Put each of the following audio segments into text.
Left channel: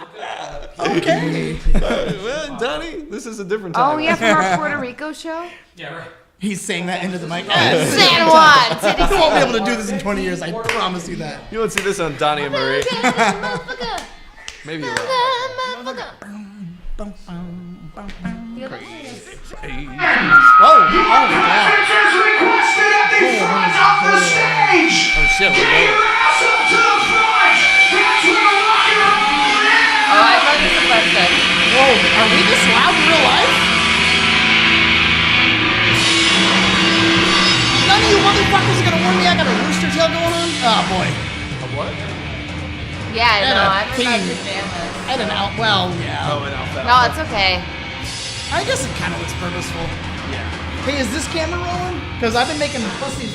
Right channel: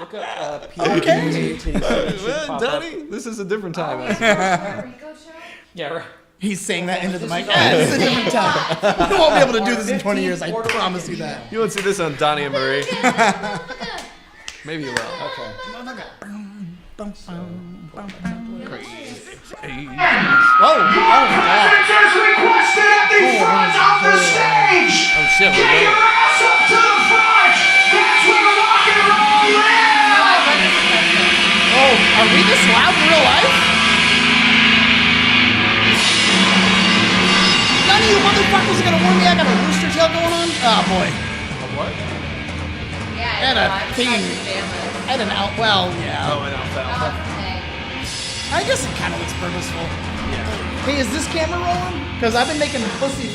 Okay. Well, Donnie, this is a different time. Oh, we have our Puerto Rico show? Yeah, right. He's saying that into the mic. You won't be able to do this in 20 years. I promise you that. You won't see this on Donnie and Marie. Maybe you will. Whoa! Requested at the front of the stage. Oh shit, we're Get going. your ass up to the front. That's where the rock and roll is. Whoa! Are we this loud in real life? None of you motherfuckers are gonna warn me I got a rooster tail going on? Oh boy. A what? Yeah, I Had know. a I'm thing. pajamas. I had an out. Well, yeah. Oh, an alpha. No, it's okay. I guess it kind of looks purposeful. Yeah. Hey, is this camera rolling? Because I've been making pussy.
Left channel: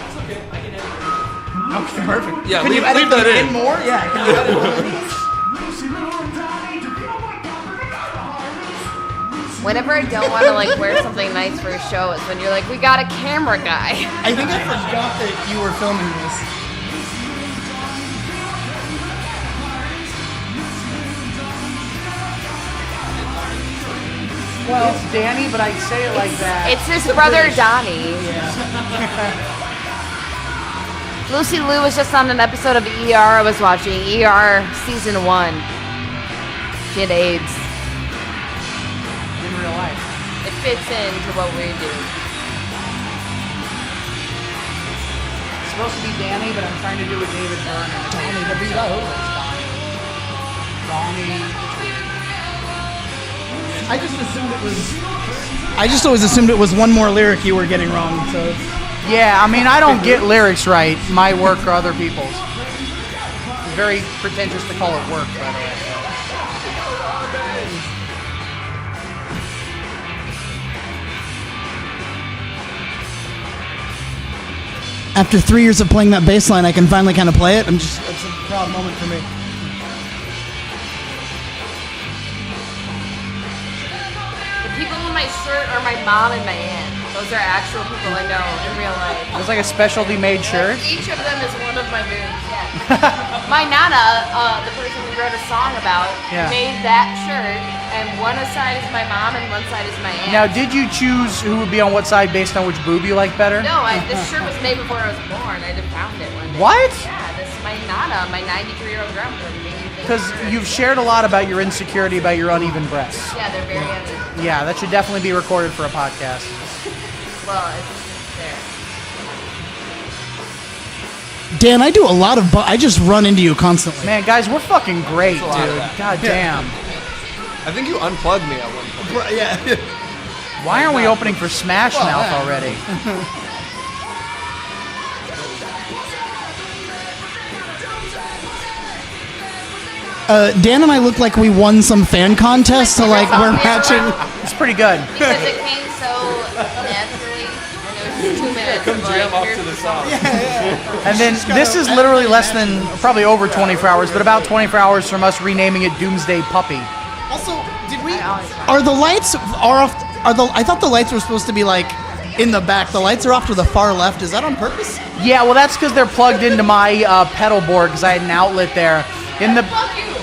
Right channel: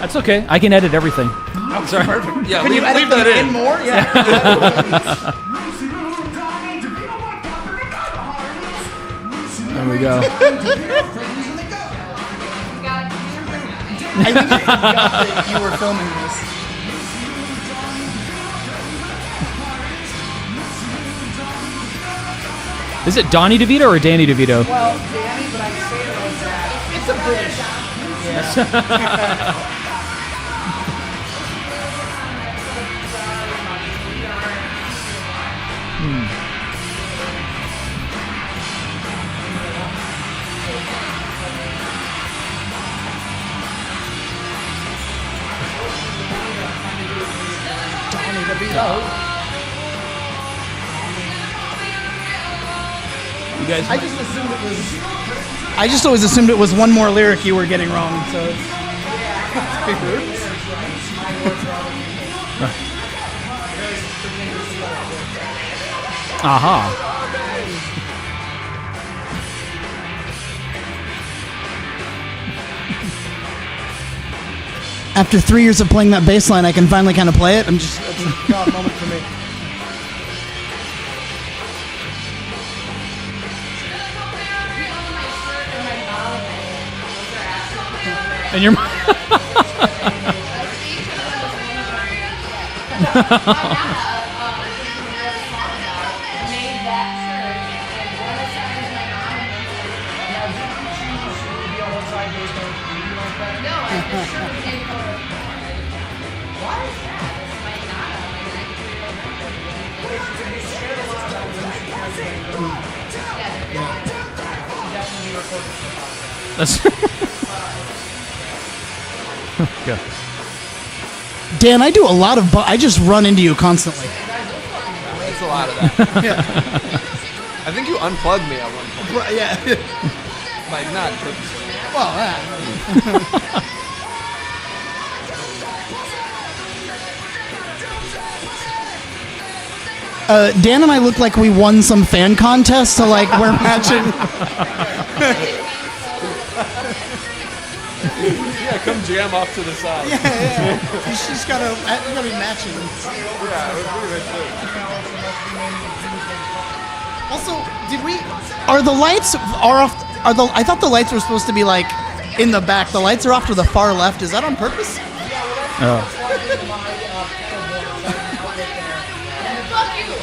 That's okay. I can edit everything. Oh, sorry. Perfect. Yeah, Can leave, you edit leave that them in. more? Yeah. Whenever I don't want to like wear something nice for a show, it's when you're like, we got a camera guy. I think I forgot that you were filming this. Is it Donnie DeVito or Danny DeVito? Well, Danny, but I say it like that. It's his brother Donnie. Lucy Liu was just on an episode of ER I was watching. ER season 1. Get AIDS. It fits into what we do. It's supposed to be Danny, but I'm trying to do it with Donnie DeVito. I just assumed it was. I just always assumed it was one more lyric you were getting wrong. So. Yeah, I mean, I don't get lyrics right. My work or other people's. Very pretentious to call it work. After 3 years of playing that bass line, I can finally kind of play it. It's a proud moment for me. My mom and my aunt. Those are actual people I know. And your It's like a specialty made shirt. Each of them is one of my parents. Yeah. My nana, the person we wrote a song about, made that shirt, and one side is my mom and one side is my aunt. Now, did you choose who would be on what side based on which boob you like better? No, this shirt was made before I was born. I just found it. What? Yeah, this is my nana, my 93-year-old grandmother. Because you've shared a lot about your insecurity about your uneven breasts. Yeah, they're very uneven. Yeah, that should definitely be recorded for a podcast. Dan, I do a lot of. I just run into you constantly. Man, guys, we're fucking great. That's a lot of that. God damn. I think you unplugged me at one point. Yeah. Why aren't we opening for Smash Mouth already? Dan and I look like we won some fan contest, so like we're matching. That's pretty good. Yeah, come jam off to the side. And then this is literally less than probably over 24 hours, but about 24 hours from us renaming it Doomsday Puppy. Also, did we? Are the lights off? I thought the lights were supposed to be like in the back. The lights are off to the far left. Is that on purpose? Yeah, well, that's because they're plugged into my pedal board because I had an outlet there. In the.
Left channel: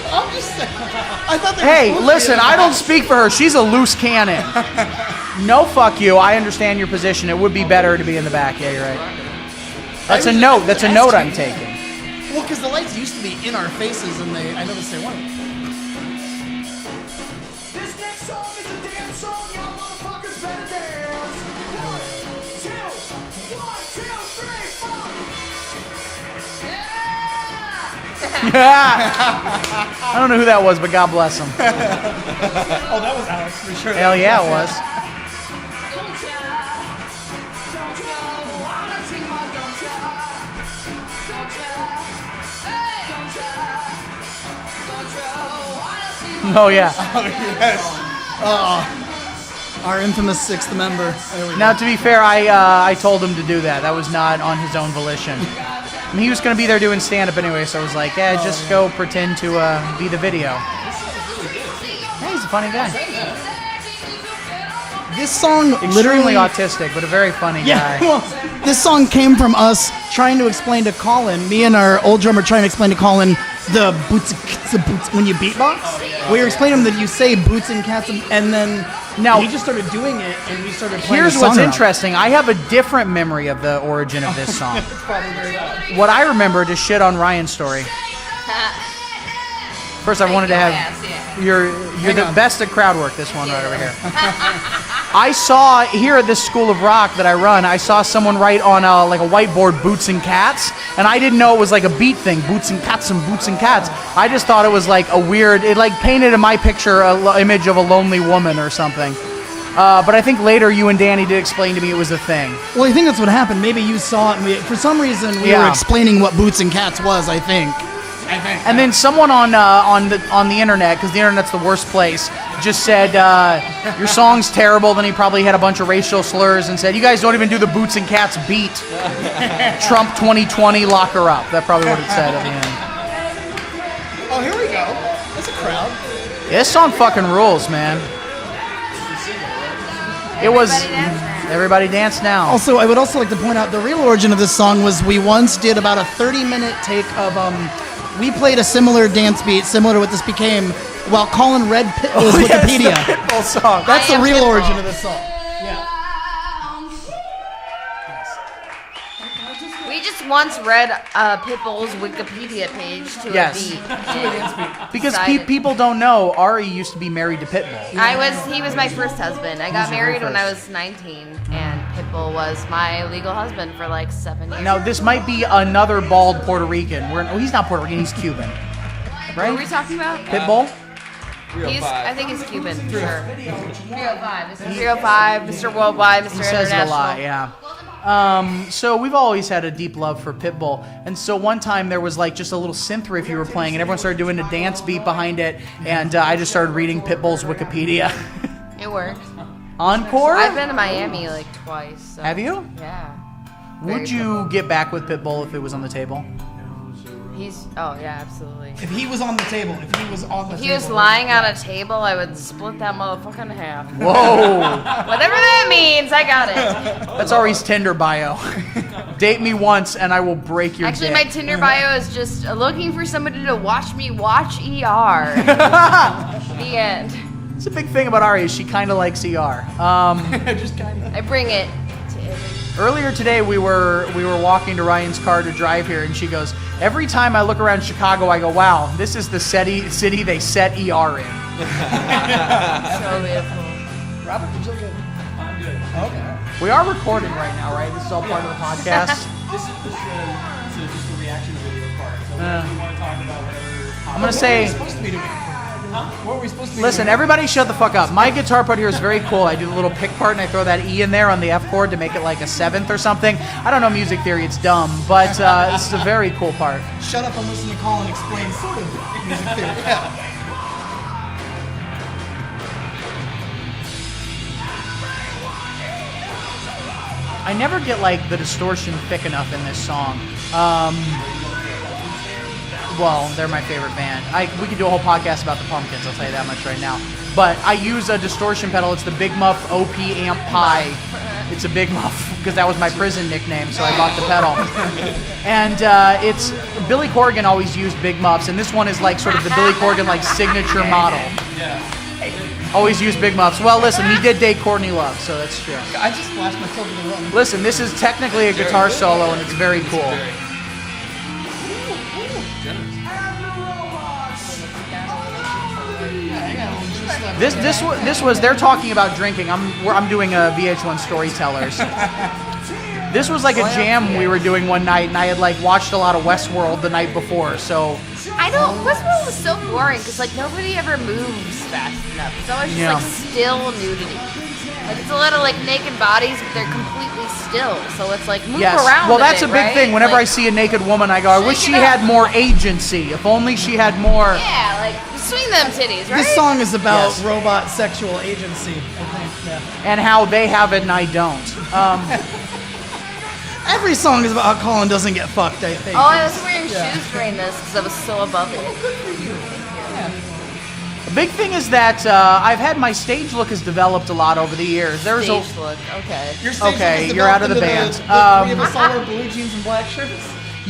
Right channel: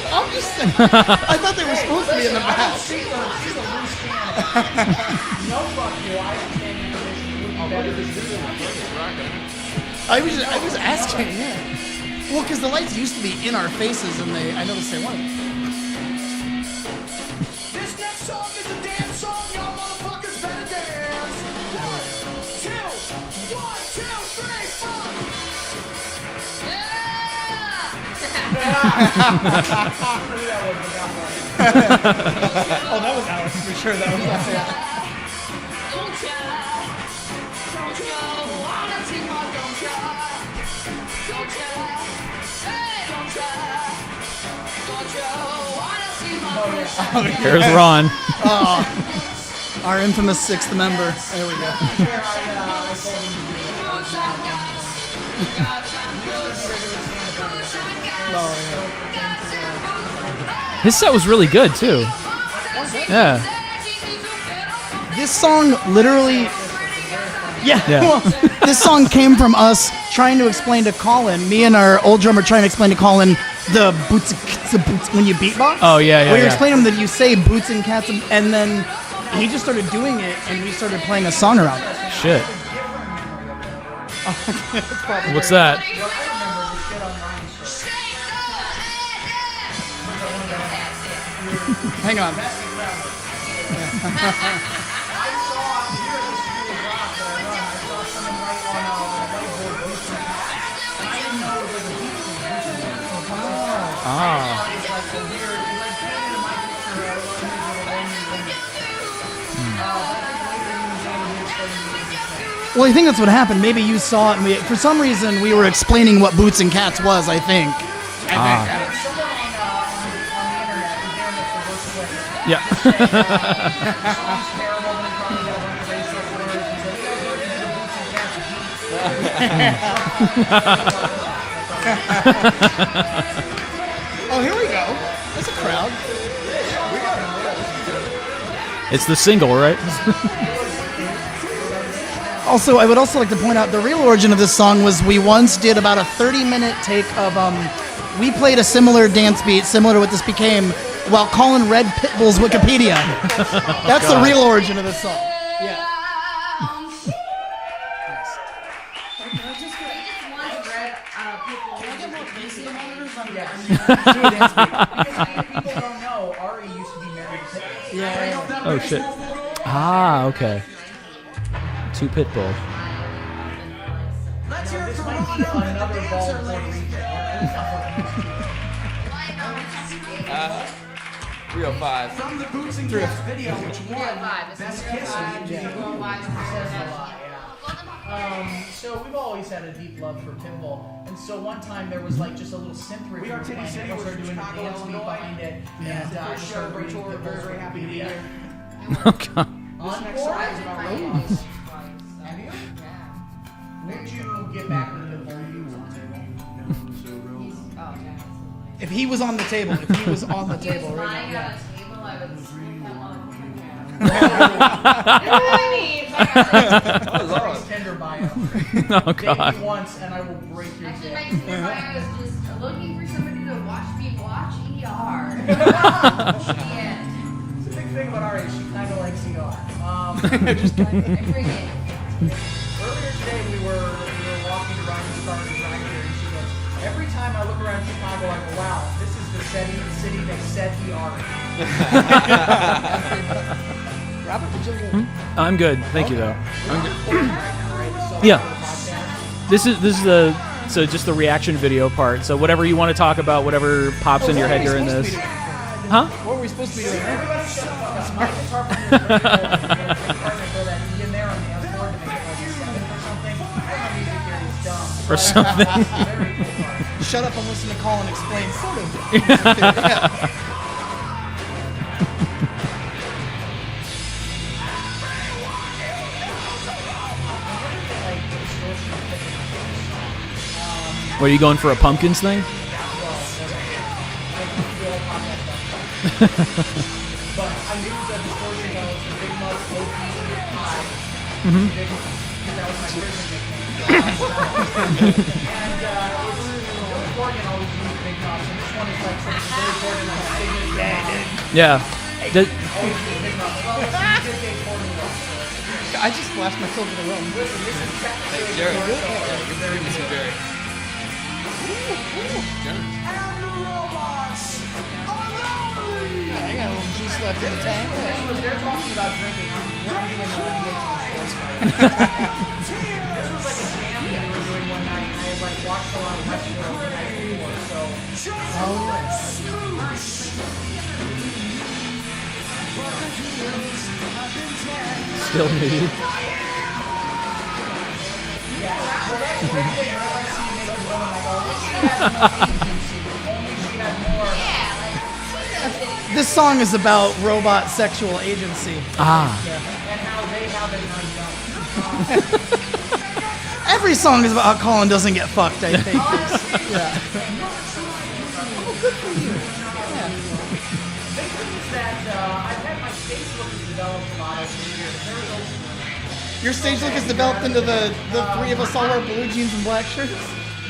I'm just saying. I thought they were Hey, supposed listen, to be in the I don't back. speak for her. She's a loose cannon. No, fuck you. I understand your position. It would be better to be in the back. Yeah, you're right. That's a note. That's a note I'm taking. Well, because the lights used to be in our faces, and I noticed they weren't. This next song is a dance song. Y'all motherfuckers better dance. 1, 2, 1, 2, 3, 4. I don't know who that was, but God bless him. Oh, that was Alex for sure. Hell yeah, it was. Oh yeah. There's Ron. Our infamous sixth member. There we go. Now, to be fair, I told him to do that. That was not on his own volition. And he was going to be there doing stand-up anyway, so I was like, yeah, just go pretend to be the video. His set was really good too. Yeah, he's a funny guy. Yeah. This song Extremely literally. autistic, but a very funny Yeah, guy. well, this song came from us trying to explain to Collin, me and our old drummer trying to explain to Collin the boots when you beatbox. Oh, yeah. We were explaining that you say boots and cats, and then Now- he just started doing it, and we started playing Here's the song what's around. interesting. I have a different memory of the origin of this song. What's that? What I remember to shit on Ryan's story. First, I wanted to have you're the best at crowd work. This one right over here. I saw here at this School of Rock that I run. I saw someone write on like a whiteboard "boots and cats," and I didn't know it was like a beat thing. Boots and cats and boots and cats. I just thought it was like a weird. It like painted in my picture a image of a lonely woman or something. But I think later you and Danny did explain to me it was a thing. Well, I think that's what happened. Maybe you saw it, and for some reason we were explaining what boots and cats was. I think. And then someone on the internet, because the internet's the worst place, just said your song's terrible. Then he probably had a bunch of racial slurs and said, "You guys don't even do the boots and cats beat." Trump 2020, lock her up. That's probably what he said. Oh, here we go. That's a crowd. This song fucking rules, man. It's the single, right? It was. Everybody dance now. Also, I would also like to point out the real origin of this song was we once did about a 30-minute take of we played a similar dance beat, similar to what this became, while Collin read Pitbull's Wikipedia. That's the real origin of this song. Yeah. We just once read Pitbull's Wikipedia page to Yes. a beat. Because people don't know, Ari used to be married to Pitbull. He was my first husband. I got married when I was 19, and Pitbull was my legal husband for like 7 years. Now, this might be another bald Puerto Rican. He's not Puerto Rican, he's Cuban. What are we talking about? Pitbull? 305. I think it's Cuban. 305. Mr. 305, Mr. Worldwide, Mr. Says a International. lot, yeah. So we've always had a deep love for Pitbull, and so one time there was like just a little synth riff you were playing, and everyone started doing a dance beat behind it, and I just started reading Pitbull's Wikipedia. It worked. Encore? I've been to Miami like twice. So. Have you? Yeah. Would you get back with Pitbull if it was on the table? Yeah, absolutely. If he was on the table, If he was lying on a table, I would split that motherfucker in half. Whoa! Whatever that means, I got it. That's Ari's Tinder bio. Date me once and I will break your Actually, dick. my Tinder bio is just looking for somebody to watch me watch ER. The end. It's a big thing about Ari is she kind of likes ER. I bring it. Earlier today, we were walking to Ryan's car to drive here, and she goes, "Every time I look around Chicago, I go, wow, this is the city they set ER in." Robert, would you like to- I'm good. Thank you, though. We are recording right now, right? This is all Yeah. part of the podcast. This is just the reaction video part. So whatever you want to talk about, whatever pops in your say- head during this. Huh? What were we supposed to be Listen, doing? everybody shut the fuck up. My guitar part here is very cool. I do a little pick part and I throw that E in there on the F chord to make it like a 7th or something. I don't know music theory, it's dumb, but it's a very cool part. Shut up and listen to Collin explain sort of. I never get like the distortion thick enough in this song. Are you going for a Pumpkins thing? Well, they're my favorite band. We could do a whole podcast about the Pumpkins, I'll tell you that much right now. But I use a distortion pedal. It's the Big Muff OP Amp Pi. It's a Big Muff because that was my prison nickname, so I bought the pedal. And it's Billy Corgan always used Big Muffs, and this one is like sort of the Billy Corgan like signature model. Yeah. Always use Big Muffs. Well, listen, we did date Courtney Love, so that's true. I just flashed myself in the room. Listen, this is technically a guitar solo, and it's very cool. This was they're talking about drinking. I'm doing a VH1 Storytellers. This was like a jam we were doing one night, and I had like watched a lot of Westworld the night before. So I know Westworld was so boring because like nobody ever moves fast enough. It's always just like still moving. Like, it's a lot of like naked bodies, but they're completely still. So it's like move around. Well, that's a bit, big right? thing. Whenever like, I see a naked woman, I go, I wish she had more agency. If only she had more. Yeah, like swing them titties. Right? This song is about robot sexual agency. And how they have it and I don't. Every song is about how Collin doesn't get fucked, I think. Oh, I was wearing shoes during this because I was so above it. Oh, good for you. Big thing is that I've had my stage look has developed a lot over the years. There's Stage look. Okay. Your stage look Okay, is you're out developed of into the the band. three of us all wear blue jeans and black shirts.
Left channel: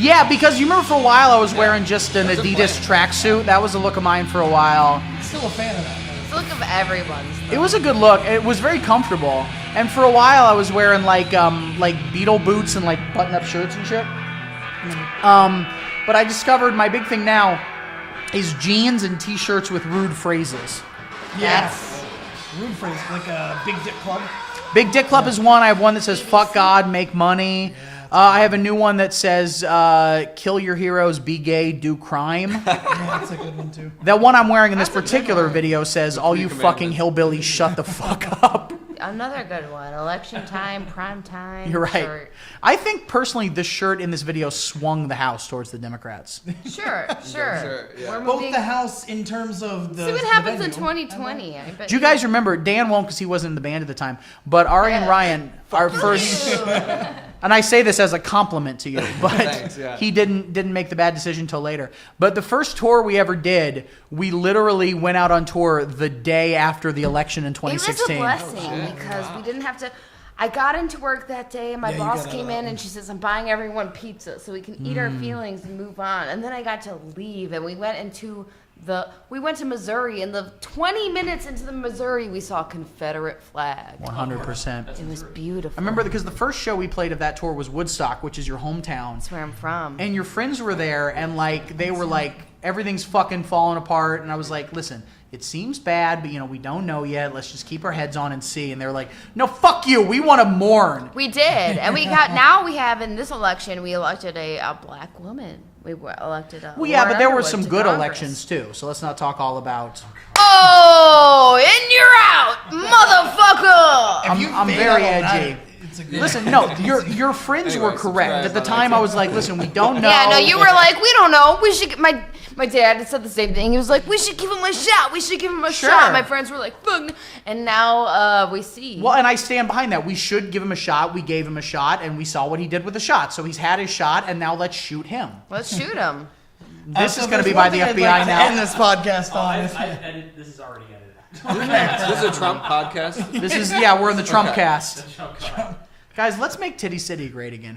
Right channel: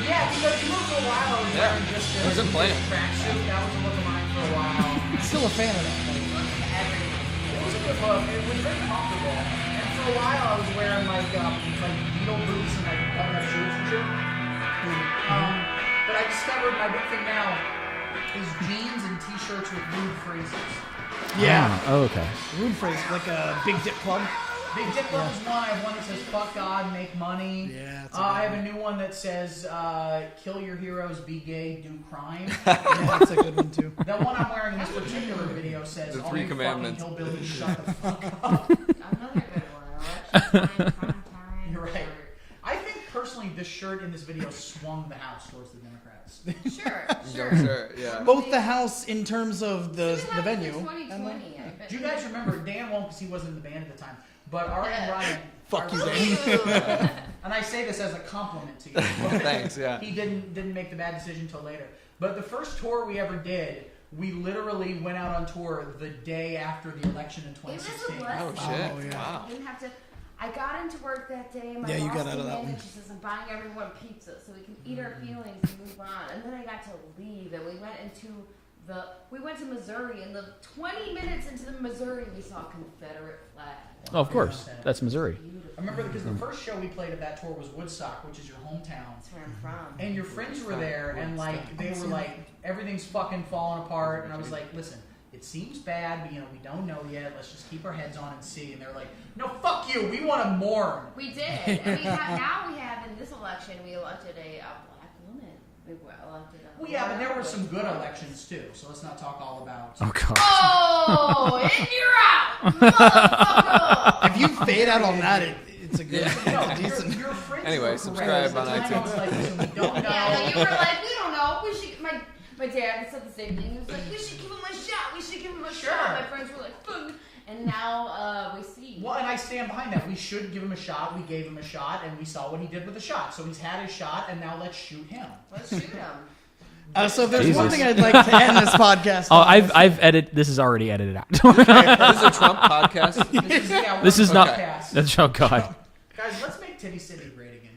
Yeah, because you remember for a while I was wearing just an That's a Adidas tracksuit. That was a look of mine for a while. I'm still a fan of that. It's the look of everyone. It was a good look. It was very comfortable. And for a while I was wearing like Beatle boots and like button-up shirts and shit. But I discovered my big thing now is jeans and t-shirts with rude phrases. Yeah. Oh, okay. Rude phrase, like a Big Dip Club. Big Dick Club is one. I have one that says "fuck God, make money." I have a new one that says "kill your heroes, be gay, do crime." Yeah, that's a good one too. That one I'm wearing in this particular video says, The "All three you fucking commandments. hillbillies, shut the fuck up." Another good one. Election time, prime time. You're right. shirt. I think personally, this shirt in this video swung the House towards the Democrats. Sure. Sure, yeah. Both the house in terms of See what the happens venue. in 2020. I bet Do you guys remember? Dan won't because he wasn't in the band at the time. But Ari and Ryan, our first, and I say this as a compliment to you, but Thanks, yeah. he didn't make the bad decision until later. But the first tour we ever did, we literally went out on tour the day after the election in It was a 2016. blessing because we didn't have to. I got into work that day and my Yeah, you boss got out came of that in and she says, "I'm buying everyone pizza so we can eat our feelings and move on." And then I got to leave and we went to Missouri, and the 20 minutes into the Missouri we saw Confederate flags. Oh, of course. 100%. That's It was Missouri. beautiful. I remember because the first show we played of that tour was Woodstock, which is your hometown. That's where I'm from. And your friends were there, and like they were like, everything's fucking falling apart. And I was like, listen, it seems bad, but we don't know yet. Let's just keep our heads on and see. And they were like, no, fuck you. We want to mourn. We did, and now we have in this election we elected a black woman. We elected a. Well, yeah, but there were Underwood some to good Congress. elections too. So let's not talk all about. Oh, God. Oh, and you're out, motherfucker! If you I'm fade very out on edgy. that, it's a good. Listen, no, your friends Anyway, were correct. subscribe At the on time, I was like, listen, we don't know. Yeah, no, you were like, we don't know. We should. My dad said the same thing. He was like, we should give him a shot. We should give him a Sure. shot. My friends were like, fuck. And now we see. Well, and I stand behind that. We should give him a shot. We gave him a shot, and we saw what he did with the shot. So he's had his shot, and now let's shoot him. Let's shoot him. So gonna there's be one by thing the I'd FBI like to end this podcast Oh, on. I've edited. This is already edited out. This is a Trump podcast. This is we're This in is the not- Trumpcast. That's oh god. Guys, let's make Titty City great again.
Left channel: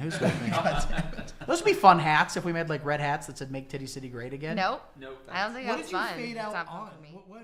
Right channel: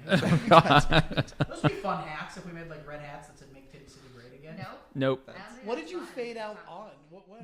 Those would be fun hats if we made like red hats that said "Make Titty City Great Again." Nope. Nope. I don't think what that's did you fun. fade It's out not on? for me. What